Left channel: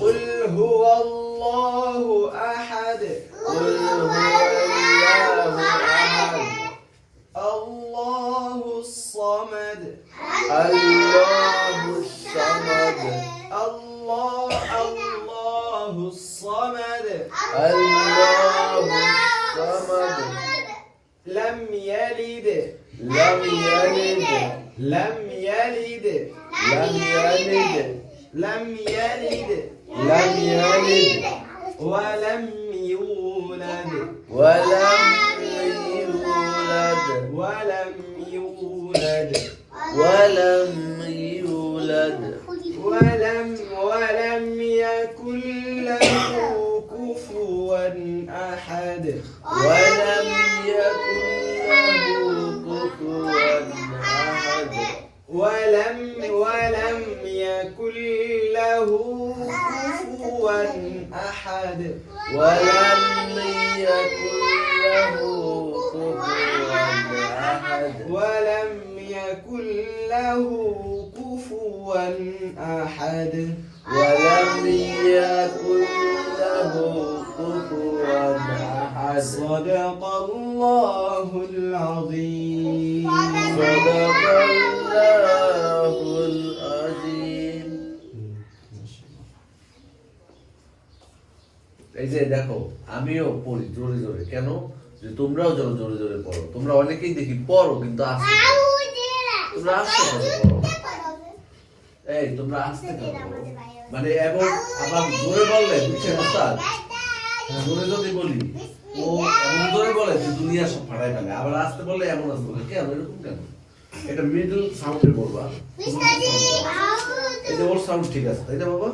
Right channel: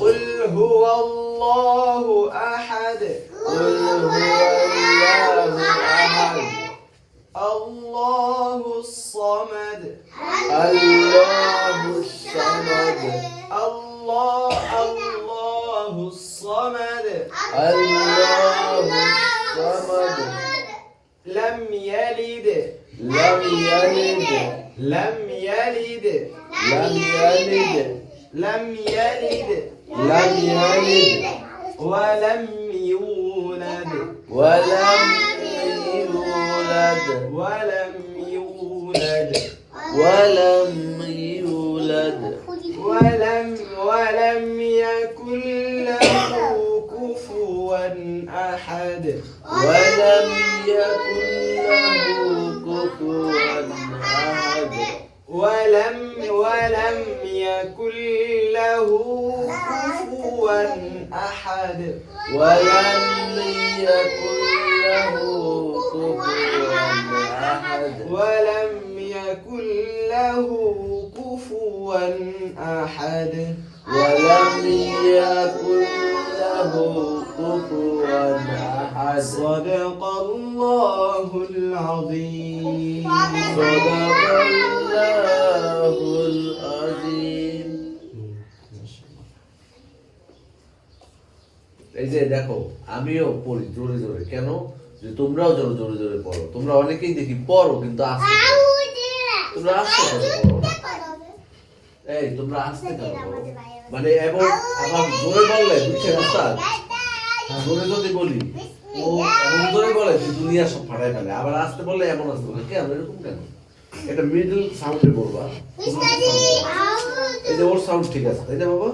قل هو الله أحد قل هو الله أحد الله الصمد الله الصمد الله الصمد الله الصمد لم يلد لم يلد لم يلد لم يلد لم يلد لم يلد ولم يولد ولم يولد ولم يولد ولم يولد ولم يكن له كفوا أحد ولم يكن له كفوا أحد ولم يكن له كفوا أحد ولم يكن له كفوا أحد ولم يكن له كفوا أحد ولم يكن له كفوا أحد صدق الله العظيم صدق الله العظيم এই যে দেখো আমিও পড়ি জোরে জোরে কেন যে তোমরাও জোরে জোরে জোরে পড়ো তোমরা অনেকেই দেখি পড়ো কিন্তু আস্তে তোমরা আস্তে করে পড়ো না। এই তোমরা আস্তে করে পড়ো মানে এবং আবার জোরে বললে বুঝছেন উস্তাদ জোরে যদি বলি ও এমন জোরে বলে যে দুনিয়া সব ফাটাই ফেলে আবার আস্তে বললে এমন আসতে বলে কেন এরকম কেন এটা মিডল সাউন্ডে বলবা এই যে ওর সাউন্ড ঠিক আছে তাই না বাবা